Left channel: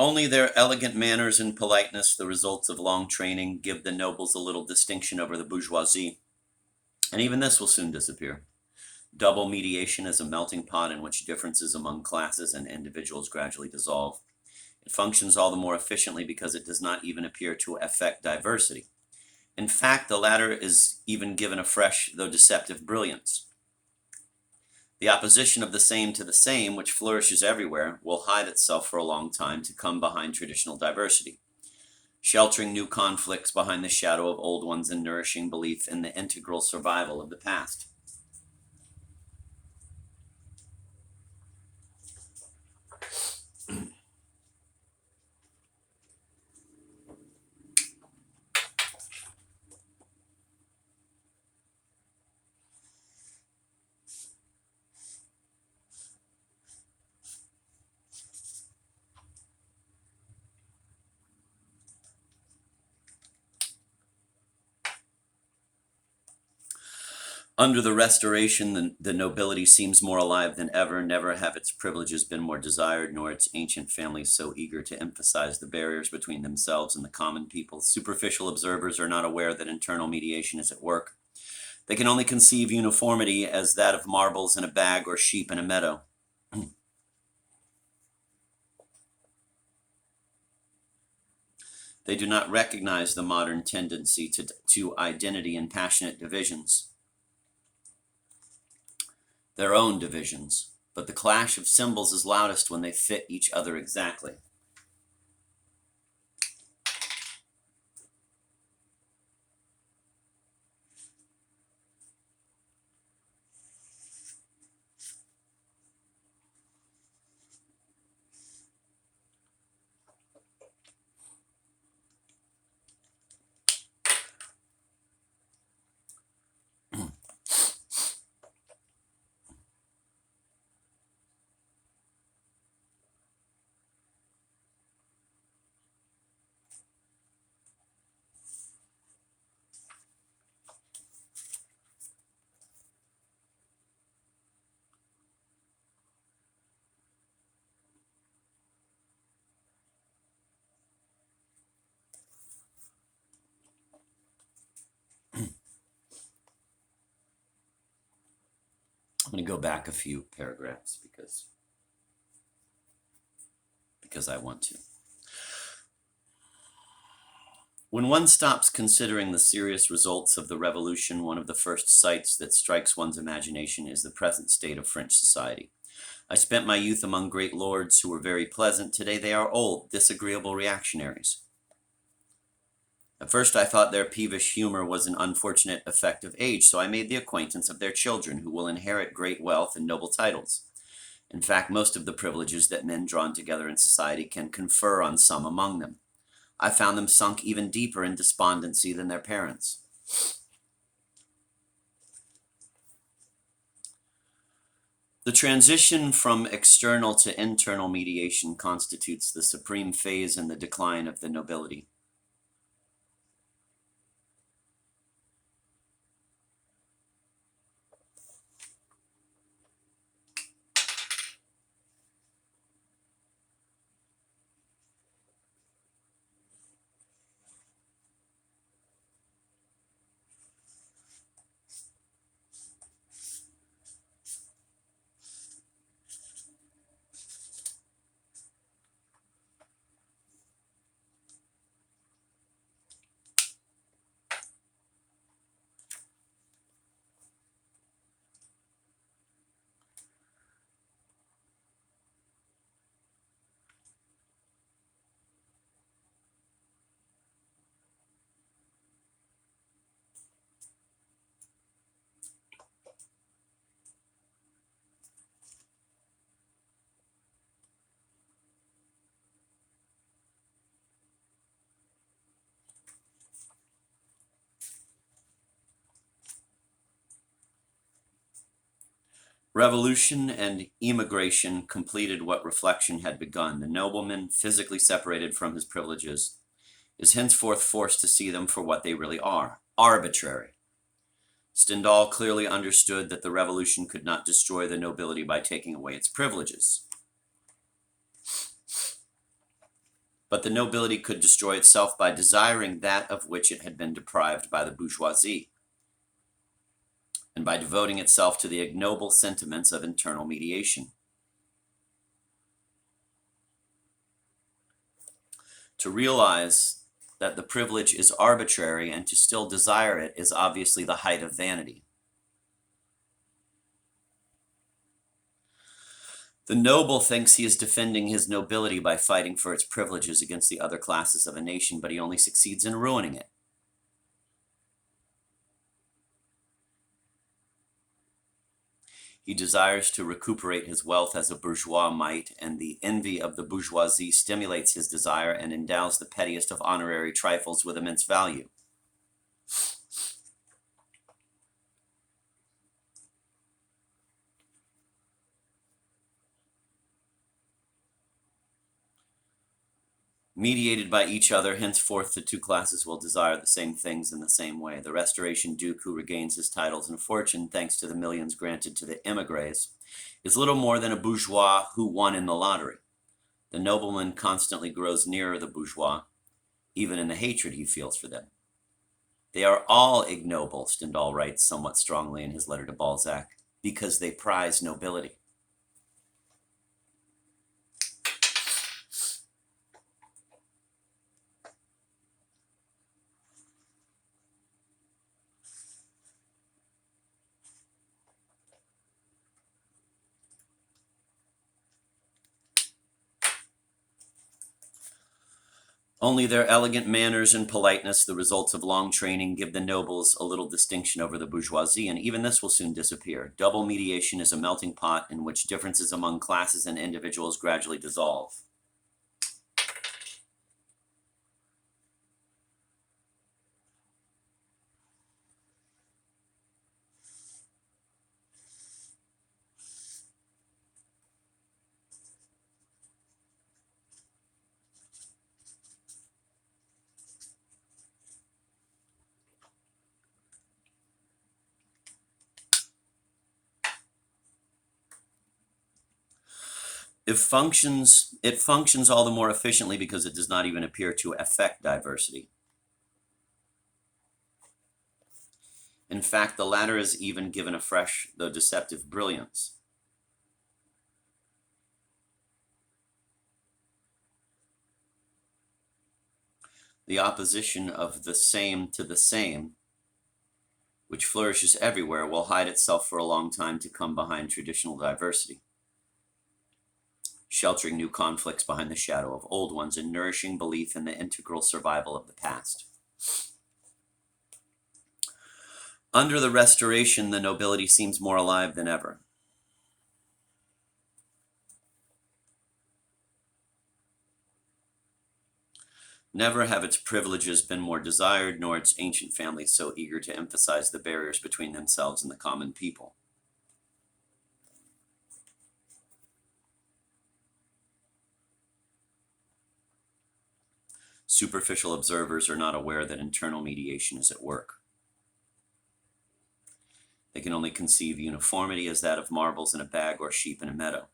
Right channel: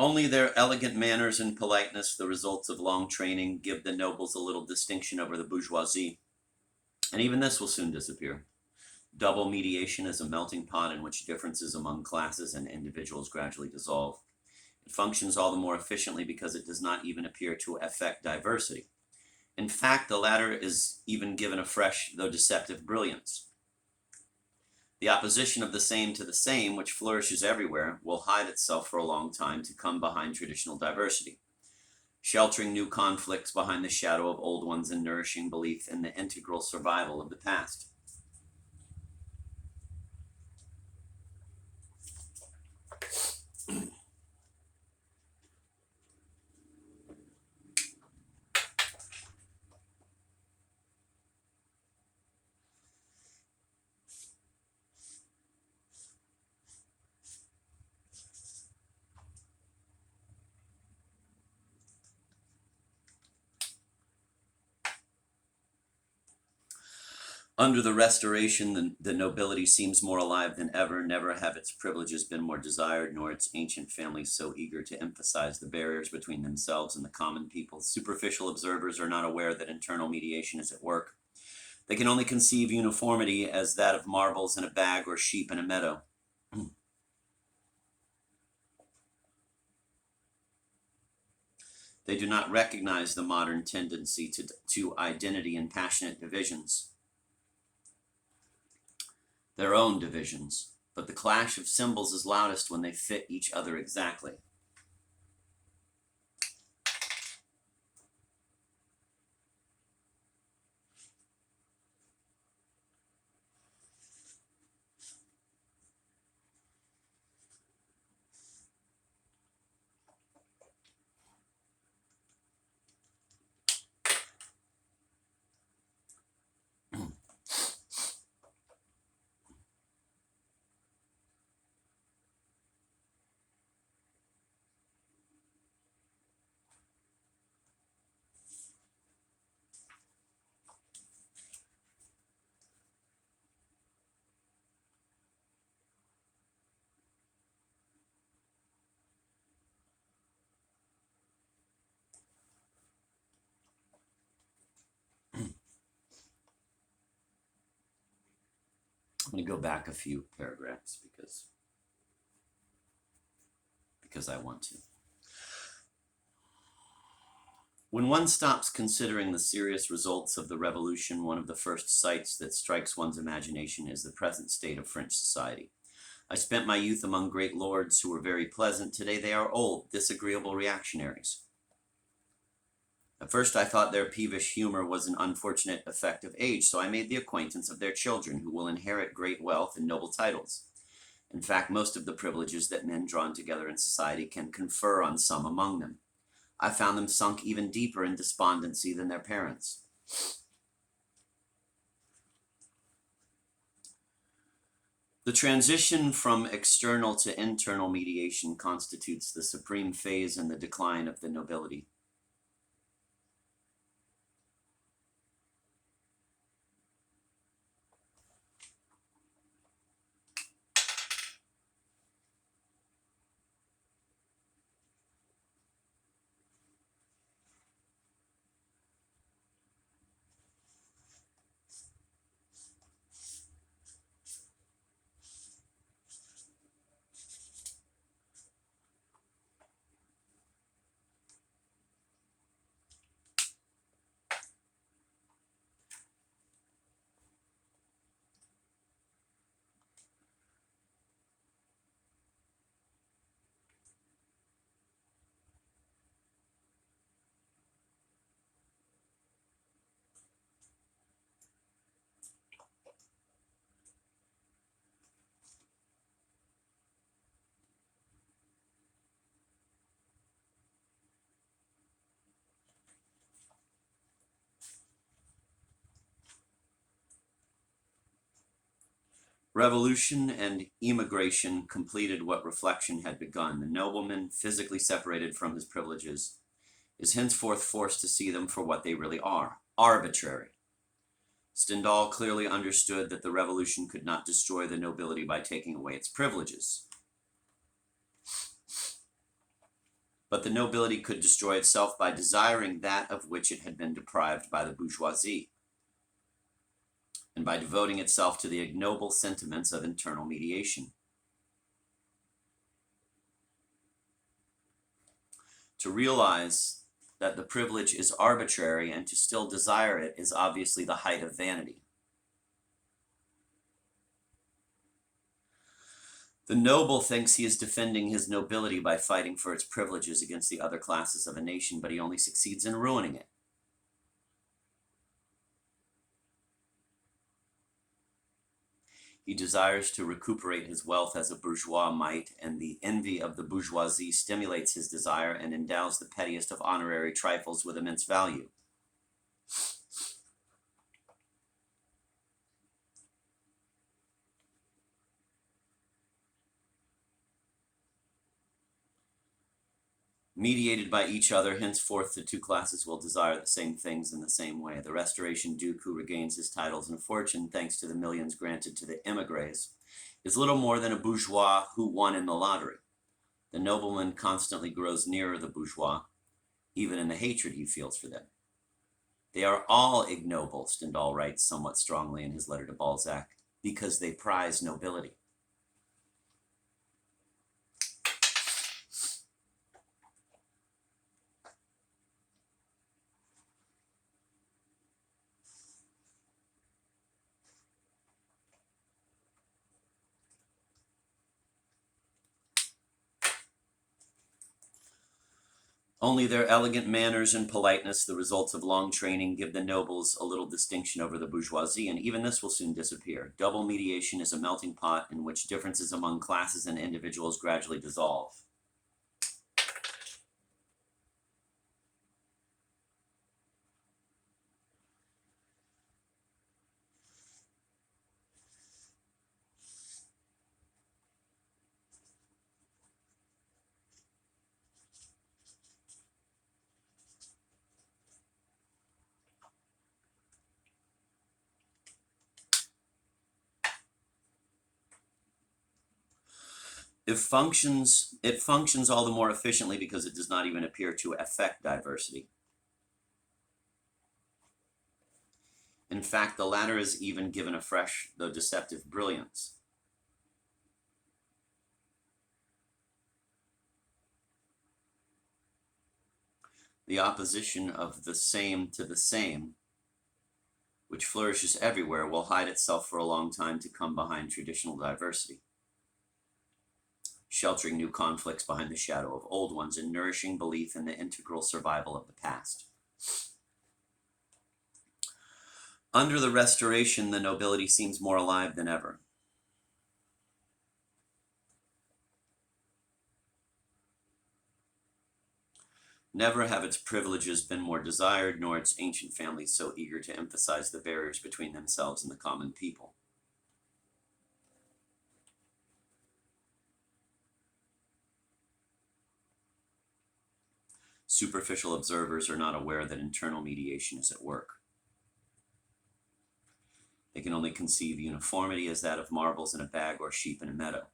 Only their elegant manners and politeness, the results of long training, give the nobles a little distinction over the bourgeoisie, and even this will soon disappear. Double mediation is a melting pot in which differences among classes and individuals gradually dissolve. It functions all the more efficiently because it does not even appear to affect diversity. In fact, the latter is even given a fresh, though deceptive, brilliance. The opposition of the same to the same, which flourishes everywhere, will hide itself for a long time to come behind traditional diversity, sheltering new conflicts behind the shadow of old ones and nourishing belief in the integral survival of the past. Under the Restoration, the nobility seems more alive than ever. Never have its privileges been more desired, nor its ancient families so eager to emphasize the barriers between themselves and the common people. Superficial observers are not aware that internal mediation is at work. They can only conceive uniformity as that of marbles in a bag or sheep in a meadow. They do not recognize the modern tendency to identity and passionate divisions, their own divisions. But the clash of symbols is loudest when they fit each other exactly. I'm going to go back a few paragraphs because I want to. When one stops considering the serious results of the revolution, one of the first sights that strikes one's imagination is the present state of French society. I spent my youth among great lords who were very pleasant. Today they are old, disagreeable reactionaries. At first I thought their peevish humor was an unfortunate effect of age, so I made the acquaintance of their children, who will inherit great wealth and noble titles. In fact, most of the privileges that men drawn together in society can confer on some among them. I found them sunk even deeper in despondency than their parents. The transition from external to internal mediation constitutes the supreme phase in the decline of the nobility. Revolution and emigration completed what reflection had begun. The nobleman, physically separated from his privileges, is henceforth forced to see them for what they really are: arbitrary. Stendhal clearly understood that the revolution could not destroy the nobility by taking away its privileges. But the nobility could destroy itself by desiring that of which it had been deprived by the bourgeoisie, and by devoting itself to the ignoble sentiments of internal mediation. To realize that the privilege is arbitrary and to still desire it is obviously the height of vanity. The noble thinks he is defending his nobility by fighting for its privileges against the other classes of a nation, but he only succeeds in ruining it. He desires to recuperate his wealth as a bourgeois might, and the envy of the bourgeoisie stimulates his desire and endows the pettiest of honorary trifles with immense value. Mediated by each other, henceforth the two classes will desire the same things in the same way. The Restoration Duke, who regains his titles and fortune thanks to the millions granted to the émigrés, is little more than a bourgeois who won in the lottery. The nobleman constantly grows nearer the bourgeois, even in the hatred he feels for them. They are all ignoble, Stendhal writes somewhat strongly in his letter to Balzac, because they prize nobility. Only their elegant manners and politeness, the results of long training, give the nobles a little distinction over the bourgeoisie, and even this will soon disappear. Double mediation is a melting pot in which differences among classes and individuals gradually dissolve. It functions all the more efficiently because it does not even appear to affect diversity. In fact, the latter is even given a fresh, though deceptive, brilliance. The opposition of the same to the same, which flourishes everywhere, will hide itself for a long time to come behind traditional diversity, sheltering new conflicts behind the shadow of old ones and nourishing belief in the integral survival of the past. Under the Restoration, the nobility seems more alive than ever. Never have its privileges been more desired, nor its ancient families so eager to emphasize the barriers between themselves and the common people. Superficial observers are not aware that internal mediation is at work. They can only conceive uniformity as that of marbles in a bag or sheep in a meadow.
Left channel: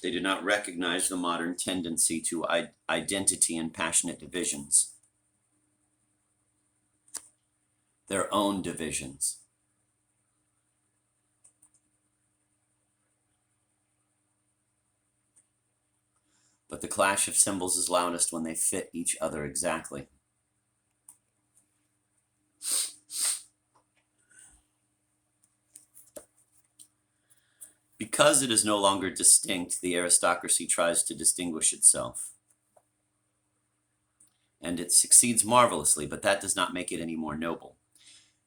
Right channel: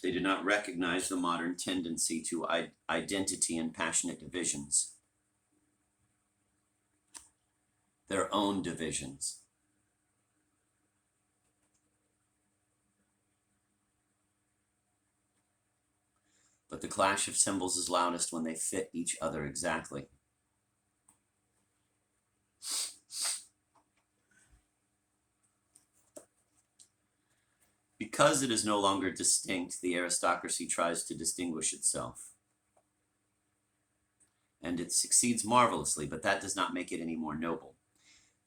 They do not recognize the modern tendency to identity and passionate divisions, their own divisions. But the clash of symbols is loudest when they fit each other exactly. Because it is no longer distinct, the aristocracy tries to distinguish itself. And it succeeds marvelously, but that does not make it any more noble.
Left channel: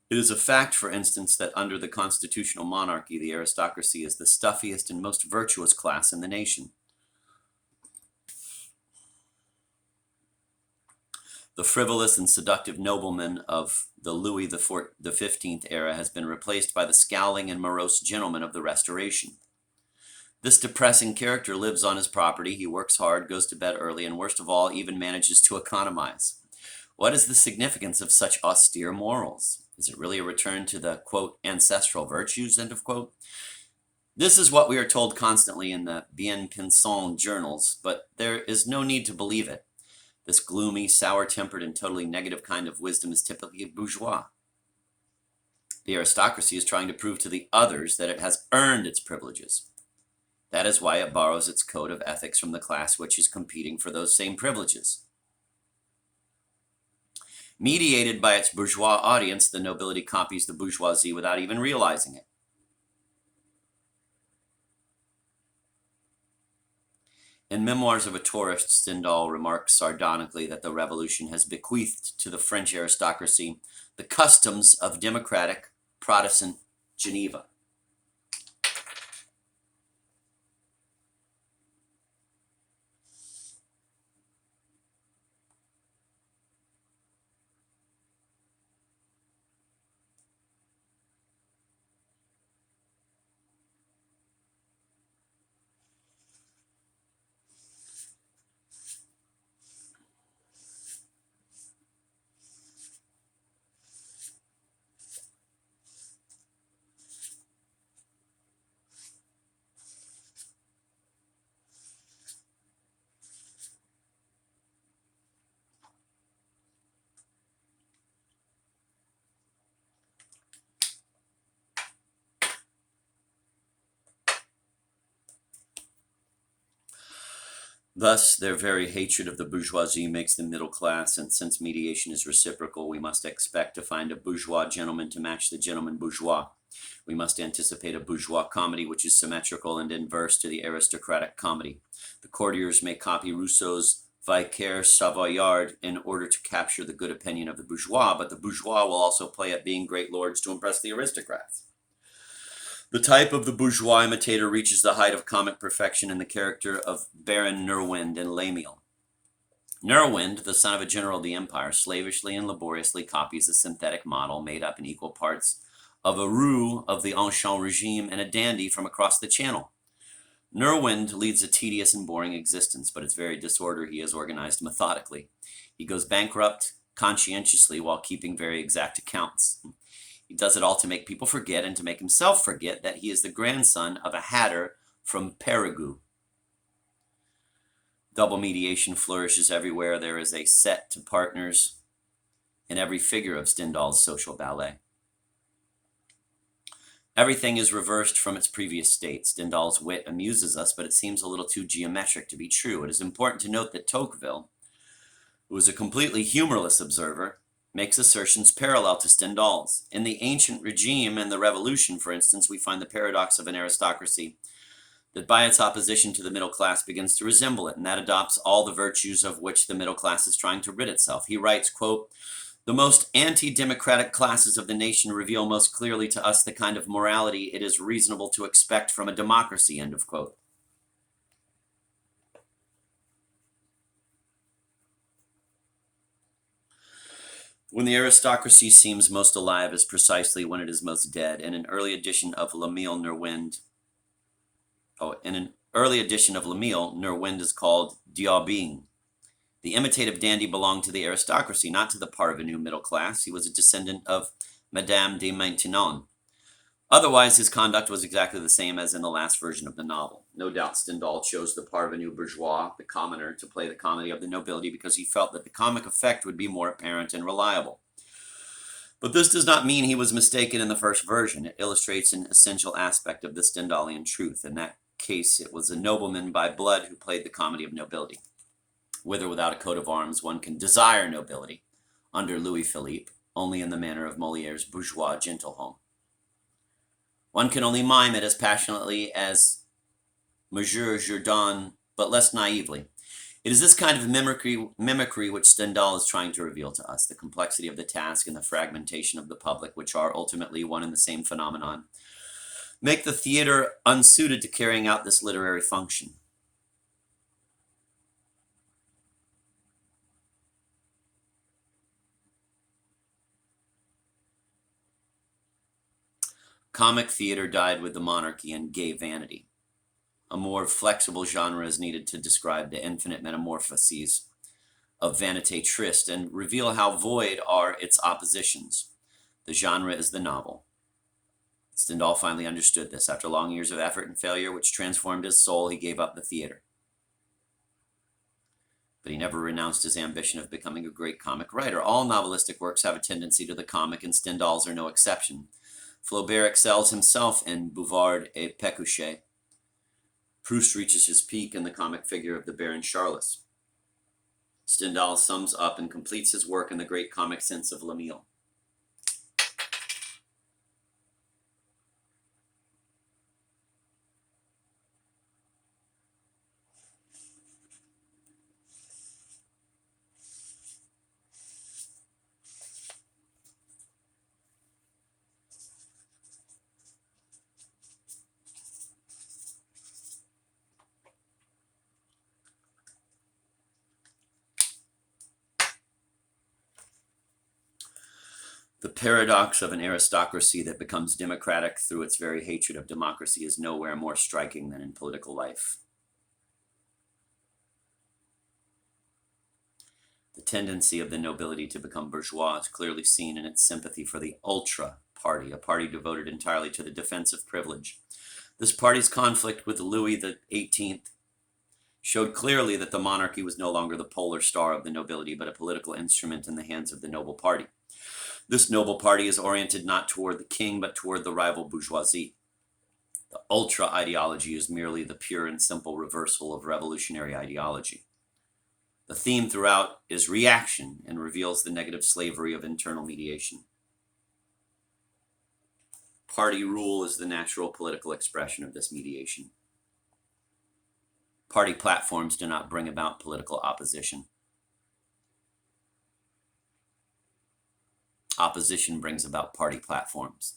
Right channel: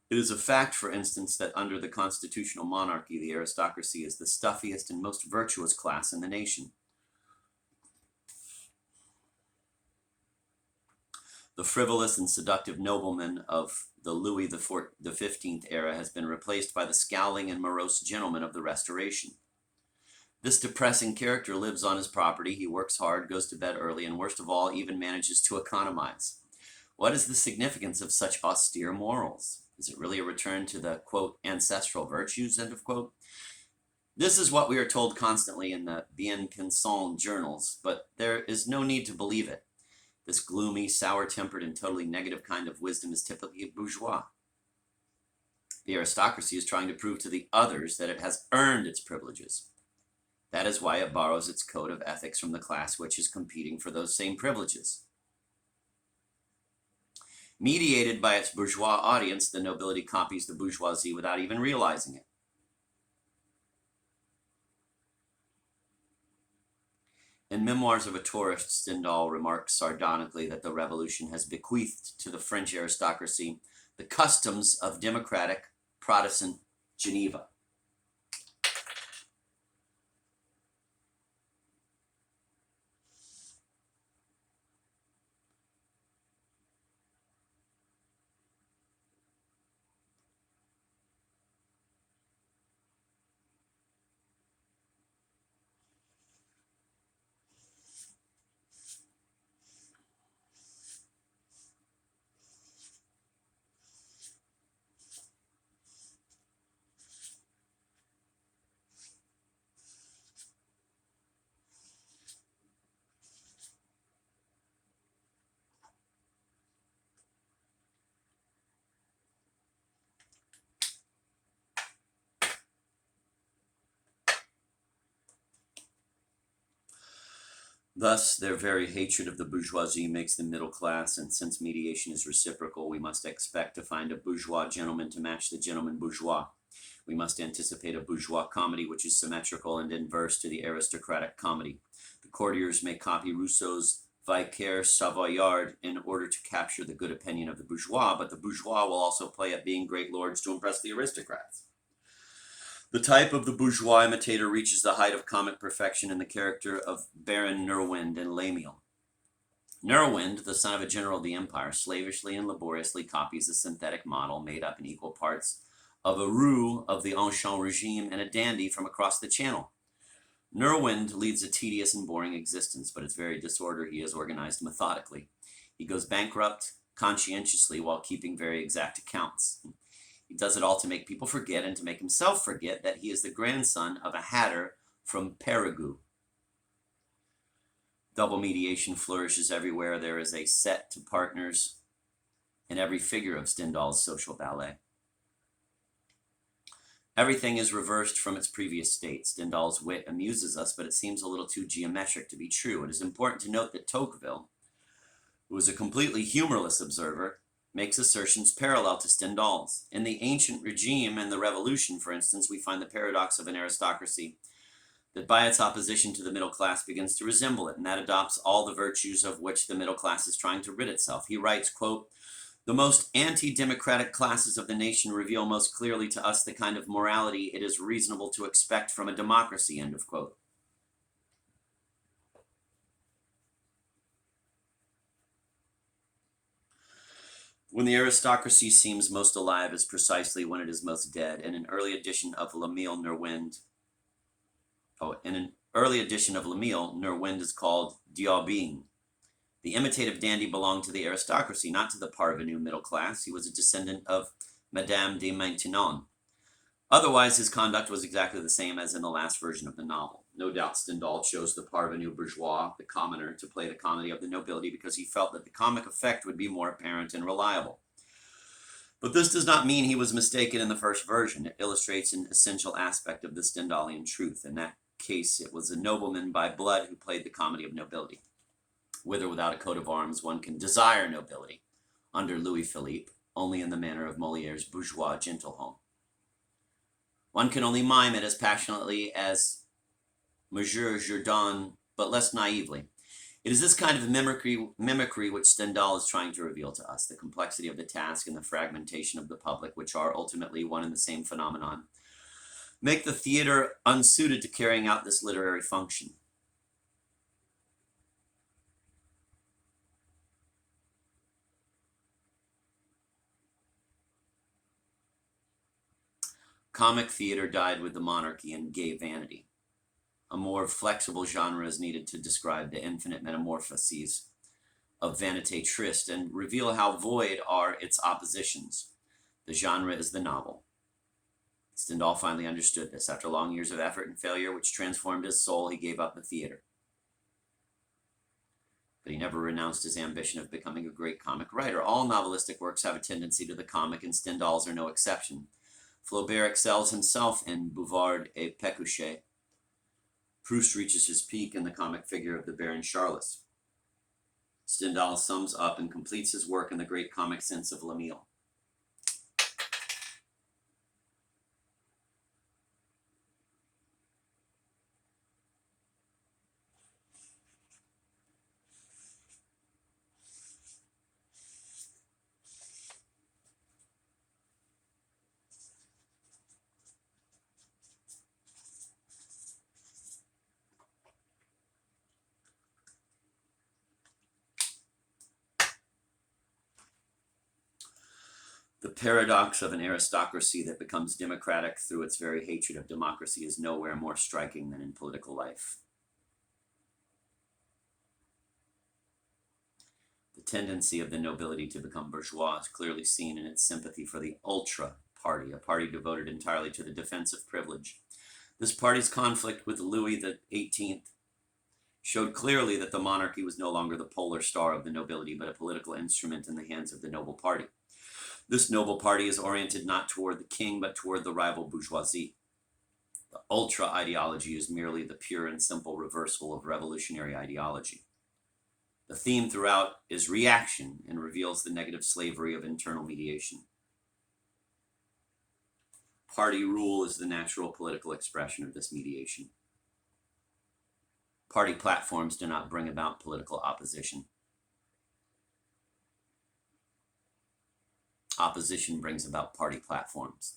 It is a fact, for instance, that under the constitutional monarchy, the aristocracy is the stuffiest and most virtuous class in the nation. The frivolous and seductive nobleman of the Louis XV era has been replaced by the scowling and morose gentleman of the Restoration. This depressing character lives on his property, he works hard, goes to bed early, and worst of all, even manages to economize. What is the significance of such austere morals? Is it really a return to the, quote, ancestral virtues, end of quote? This is what we are told constantly in the bien pensant journals, but there is no need to believe it. This gloomy, sour-tempered, and totally negative kind of wisdom is typically bourgeois. The aristocracy is trying to prove to the others that it has earned its privileges. That is why it borrows its code of ethics from the class which is competing for those same privileges. Mediated by its bourgeois audience, the nobility copies the bourgeoisie without even realizing it. In Memoirs of a Tourist, Stendhal remarks sardonically that the revolution has bequeathed to the French aristocracy the customs of democratic Protestant Geneva. Thus, their very hatred of the bourgeoisie makes them middle class, and since mediation is reciprocal, we must expect to find a bourgeois gentleman to match the gentleman bourgeois. We must anticipate a bourgeois comedy which is symmetrical and inverse to the aristocratic comedy. The courtiers may copy Rousseau's Vicaire Savoyard in order to capture the good opinion of the bourgeois, but the bourgeois will also play at being great lords to impress the aristocrats. The type of the bourgeois imitator reaches the height of comic perfection in the character of Baron Nerwind in Lamiel. Nerwind, the son of a general of the empire, slavishly and laboriously copies a synthetic model made up in equal parts of a roux of the Ancient regime and a dandy from across the channel. Nerwind leads a tedious and boring existence, but its very disorder he has organized methodically. He goes bankrupt conscientiously while keeping very exact accounts. He does it all to make people forget and to make himself forget that he is the grandson of a hatter from Périgueux. Double mediation flourishes everywhere. There is a set to partners in every figure of Stendhal's social ballet. Everything is reversed from its previous state. Stendhal's wit amuses us, but it seems a little too geometric to be true. It is important to note that Tocqueville, who was a completely humorless observer, makes assertions parallel to Stendhal's. In the ancient regime and the revolution, for instance, we find the paradox of an aristocracy that by its opposition to the middle class begins to resemble it, and that adopts all the virtues of which the middle class is trying to rid itself. He writes, quote, "The most anti-democratic classes of the nation reveal most clearly to us the kind of morality it is reasonable to expect from a democracy," end of quote. When the aristocracy seems most alive is precisely when it is most dead. In an early edition of L'Emile Nerwind, Nerwind is called Diaubing. The imitative dandy belonged to the aristocracy, not to the parvenu middle class. He was a descendant of Madame de Maintenon. Otherwise, his conduct was exactly the same as in the last version of the novel. No doubt Stendhal chose the parvenu bourgeois, the commoner, to play the comedy of the nobility because he felt that the comic effect would be more apparent and reliable. But this does not mean he was mistaken in the first version. It illustrates an essential aspect of the Stendhalian truth. In that case, it was a nobleman by blood who played the comedy of nobility. With or without a coat of arms, one can desire nobility, under Louis Philippe, only in the manner of Moliere's bourgeois gentilhomme. One can only mime it as passionately as Monsieur Jourdan, but less naively. It is this kind of mimicry which Stendhal is trying to reveal to us, the complexity of the task and the fragmentation of the public, which are ultimately one and the same phenomenon, make the theater unsuited to carrying out this literary function. Comic theater died with the monarchy and gay vanity. A more flexible genre is needed to describe the infinite metamorphoses of vanité triste and reveal how void are its oppositions. The genre is the novel. Stendhal finally understood this. After long years of effort and failure, which transformed his soul, he gave up the theater. But he never renounced his ambition of becoming a great comic writer. All novelistic works have a tendency to the comic, and Stendhal's are no exception. Flaubert excels himself in Bouvard et Pécuchet. Proust reaches his peak in the comic figure of the Baron Charles. Stendhal sums up and completes his work in the great comic sense of L'Emile. The paradox of an aristocracy that becomes democratic through its very hatred of democracy is nowhere more striking than in political life. The tendency of the nobility to become bourgeois is clearly seen in its sympathy for the ultra party, a party devoted entirely to the defense of privilege. This party's conflict with Louis XVIII showed clearly that the monarchy was no longer the polar star of the nobility, but a political instrument in the hands of the noble party. This noble party is oriented not toward the king, but toward the rival bourgeoisie. The ultra ideology is merely the pure and simple reversal of revolutionary ideology. The theme throughout is reaction and reveals the negative slavery of internal mediation. Party rule is the natural political expression of this mediation. Party platforms do not bring about political opposition. Opposition brings about party platforms.